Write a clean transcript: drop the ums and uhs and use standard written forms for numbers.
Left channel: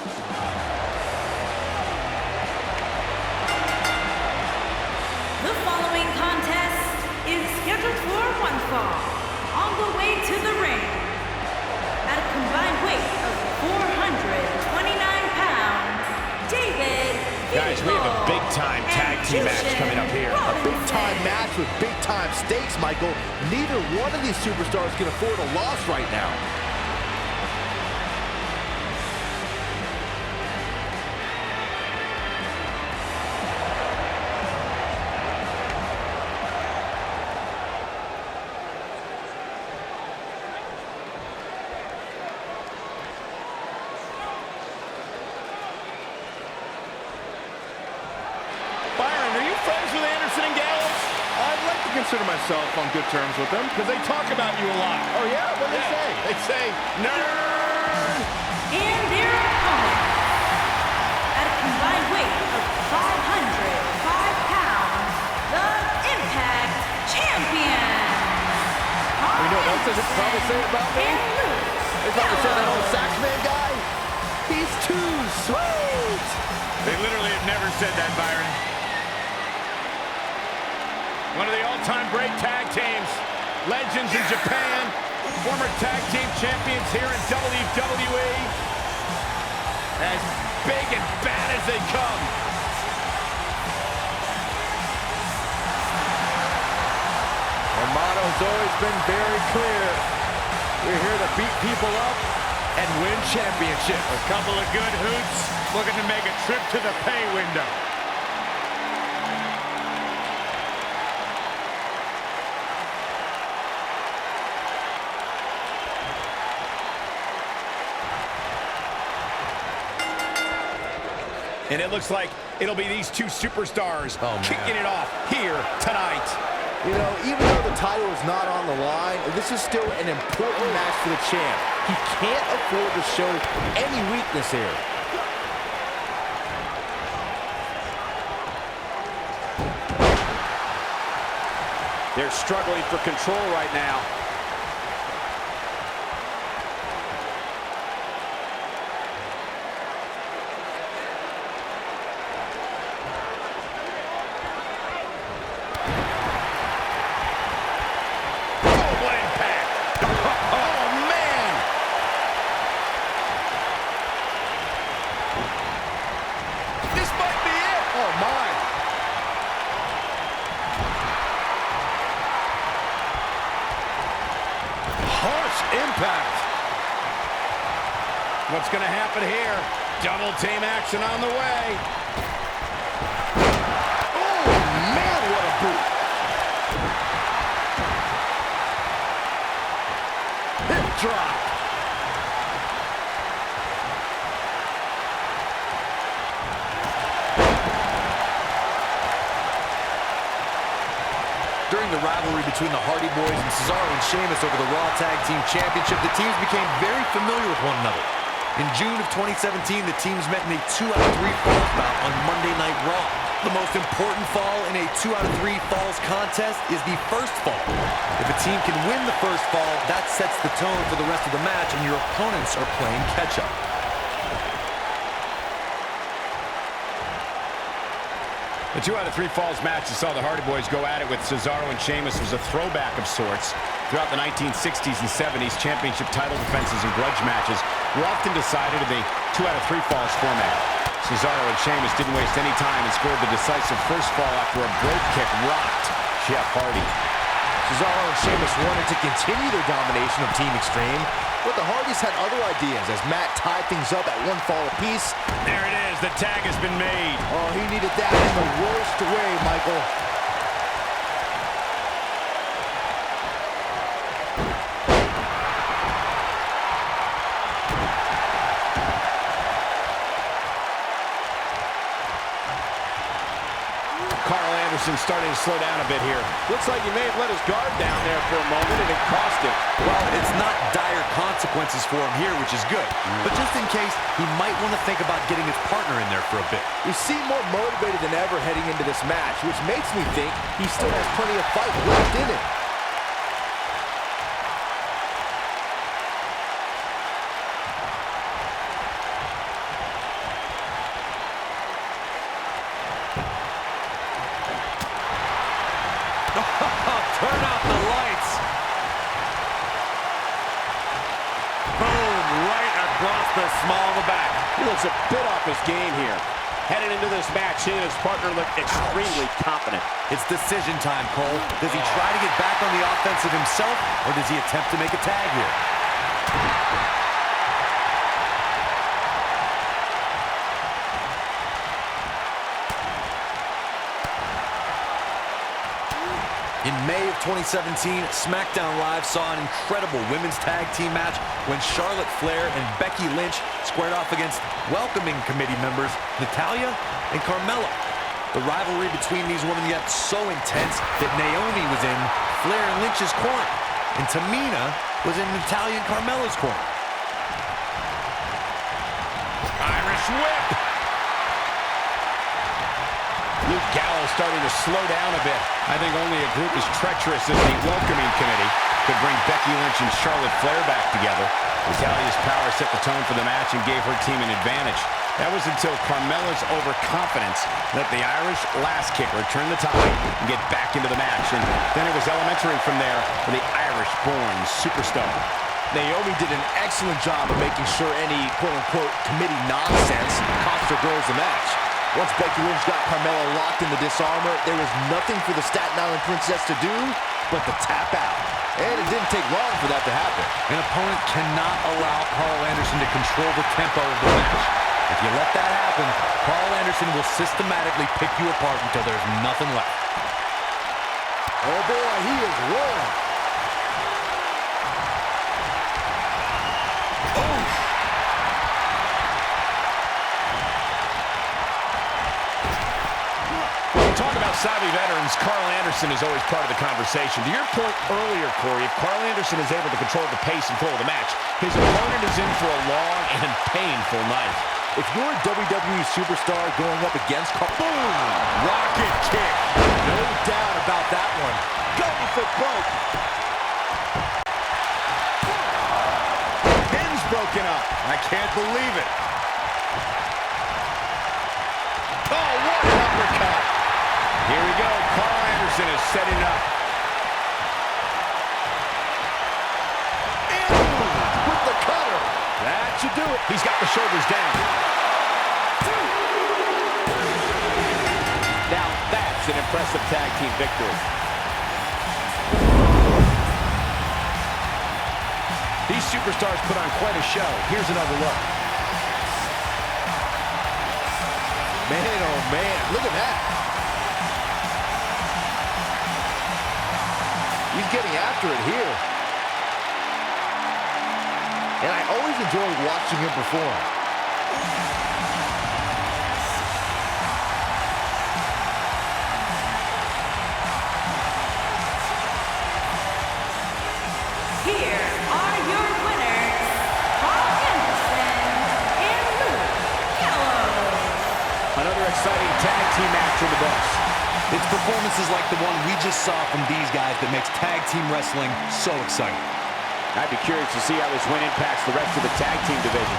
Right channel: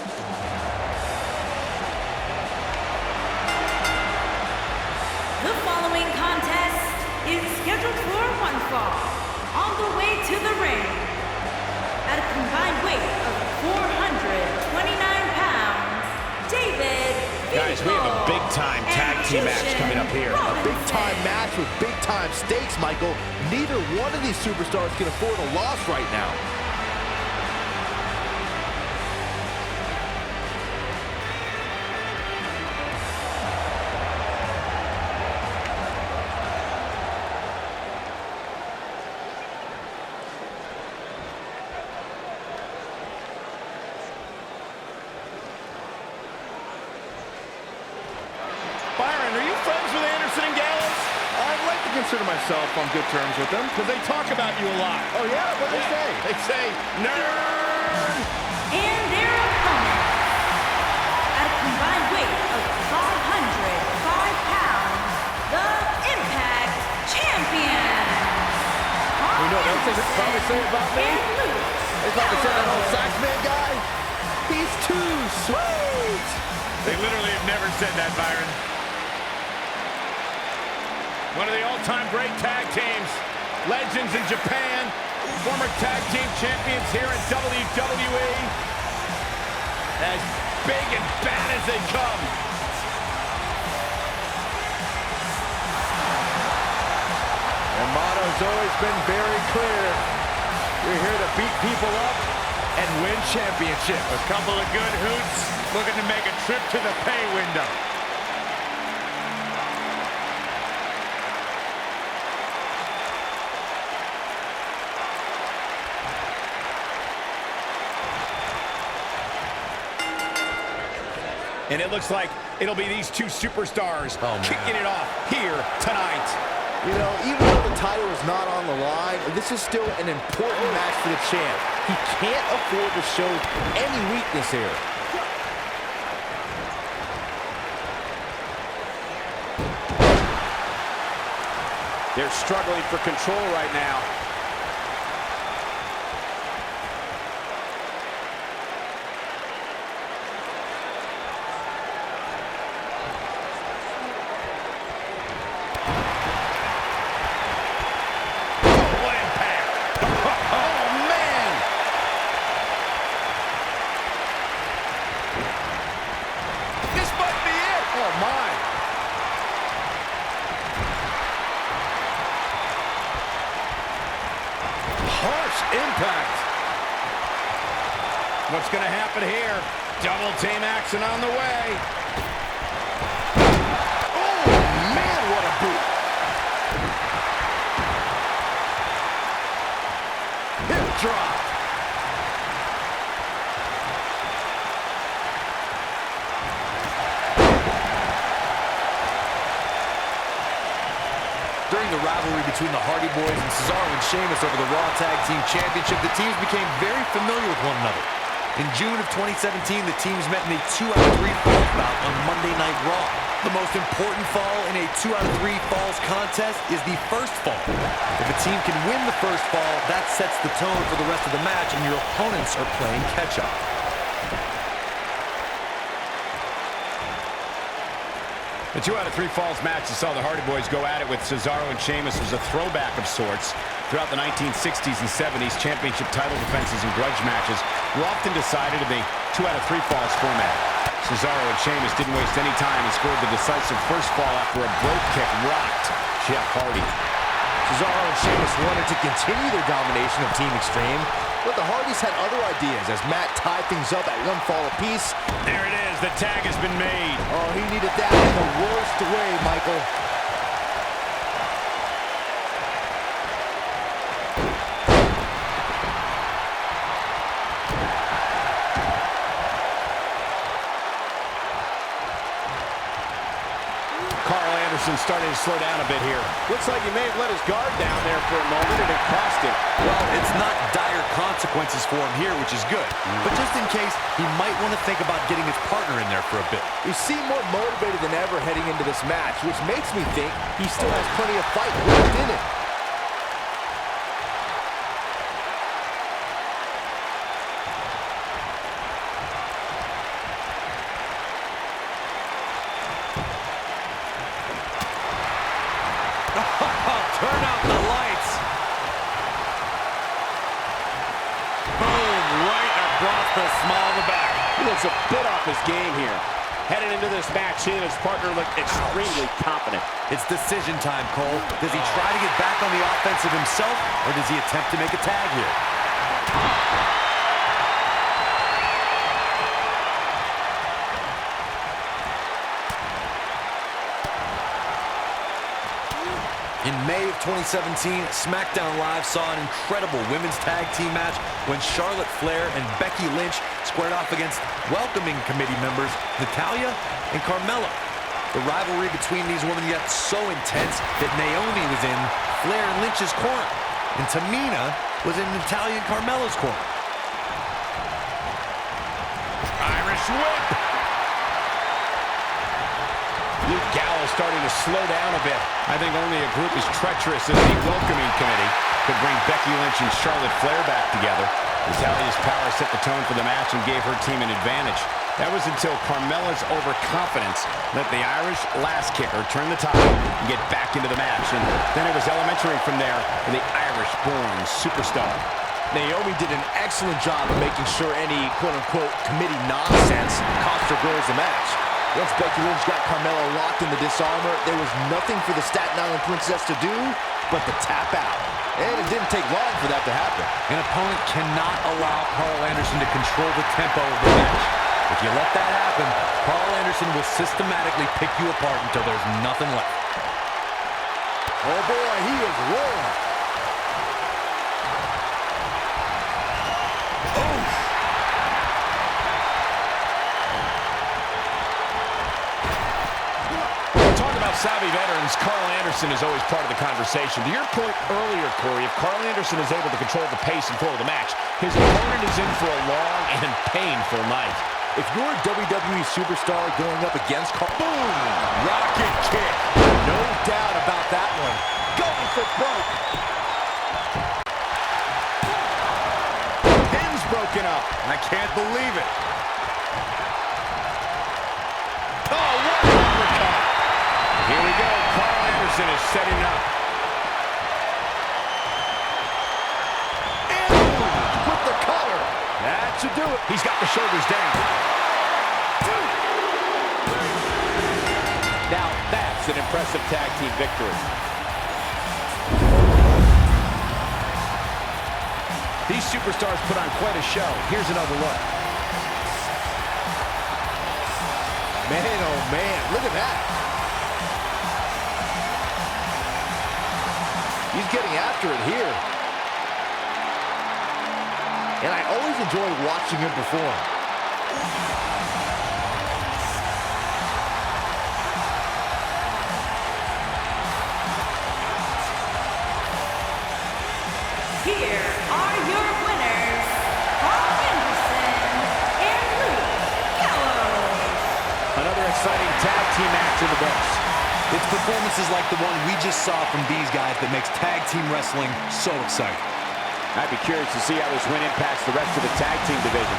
The following contest is scheduled for one fall. On the way to the ring, at a combined weight of 429 pounds, David Guys, we have a big-time tag team match coming up here. A big-time match with big-time stakes, Michael. Neither one of these superstars can afford a loss right now. Byron, are you friends with Anderson and Gallows? I'd like to consider myself on good terms with them. Because they talk about you a lot. Oh, yeah? What do they say? They say, nerd! And their opponent, at a combined weight of 505 pounds, the Impact Champion. You know what else does it probably say about me? They probably said that old sax man guy. He's too sweet. They literally have never said that, Byron. One of the all-time great tag teams. Legends in Japan. Former tag team champions here in WWE. As big and bad as they come. Their motto's always been very clear. We're here to beat people up and win championships. A couple of good hoots looking to make a trip to the pay window. And it looks like it'll be these two superstars kicking it off here tonight. You know, even though the title is not on the line, this is still an important match for the champ. He can't afford to show any weakness here. They're struggling for control right now. Oh, my. Harsh impact. What's going to happen here? Double team action on the way. Oh, man, what a boot. Hip drop. During the rivalry between the Hardy Boys and Cesaro and Sheamus over the Raw Tag Team Championship, the teams became very familiar with one another. In June of 2017, the teams met in a 2 out of 3 falls bout on Monday Night Raw. The most important fall in a 2 out of 3 falls contest is the first fall. If a team can win the first fall, that sets the tone for the rest of the match, and your opponents are playing catch-up. The 2 out of 3 falls match that saw the Hardy Boys go at it with Cesaro and Sheamus was a throwback of sorts. Throughout the 1960s and 70s, championship title defenses and grudge matches were often decided in the 2 out of 3 falls format. Cesaro and Sheamus didn't waste any time and scored the decisive first fall after a brogue kick rocked Jeff Hardy. Cesaro and Sheamus wanted to continue their domination of Team Extreme, but the Hardys had other ideas as Matt tied things up at 1 fall apiece. There it is. The tag has been made. Oh, he needed that in the worst way, Michael. Karl Anderson starting to slow down a bit here. Looks like he may have let his guard down there for a moment, and it cost him. Well, it's not dire consequences for him here, which is good. But just in case, he might want to think about getting his partner in there for a bit. He seemed more motivated than ever heading into this match, which makes me think he still has plenty of fight left in him. Turn out the lights. Boom, right across the small of the back. He looks a bit off his game here. Headed into this match, he and his partner look extremely confident. It's decision time, Cole. Does he try to get back on the offensive himself, or does he attempt to make a tag here? In May of 2017, SmackDown Live saw an incredible women's tag team match when Charlotte Flair and Becky Lynch squared off against welcoming committee members Natalya and Carmella. The rivalry between these women got so intense that Naomi was in Flair and Lynch's corner, and Tamina was in Natalya and Carmella's corner. Irish whip. Gallows starting to slow down a bit. I think only a group as treacherous as the welcoming committee could bring Becky Lynch and Charlotte Flair back together. Natalya's power set the tone for the match and gave her team an advantage. That was until Carmella's overconfidence let the Irish last kicker turn the tide and get back into the match. And then it was elementary from there for the Irish-born superstar. Naomi did an excellent job of making sure any quote-unquote committee nonsense cost her girls the match. Once Becky Lynch got Carmella locked in the disarmor, there was nothing for the Staten Island Princess to do but to tap out. And it didn't take long for that to happen. An opponent cannot allow Karl Anderson to control the tempo of the match. If you let that happen, Karl Anderson will systematically pick you apart until there's nothing left. Oh boy, he is rolling. Talk about savvy veterans. Karl Anderson is always part of the conversation. To your point earlier, Corey, if Karl Anderson is able to control the pace and flow of the match, his opponent is in for a long and painful night. If you're a WWE superstar going up against Karl, Boom! Rocket kick. no doubt about that one. Going for broke. Pin's broken up. I can't believe it. Oh, what an uppercut. Here we go. Karl Anderson is setting up. And with the cutter. That should do it. He's got the shoulders down. Now that's an impressive tag team victory. These superstars put on quite a show. Here's another look. Man, oh man, look at that. He's getting after it here. And I always enjoy watching him perform. Here are your winners, Karl Anderson and Luke Gallows. Another exciting tag team match in the books. It's performances like the one we just saw from these guys that makes tag team wrestling so exciting. I'd be curious to see how this win impacts the rest of the tag team division.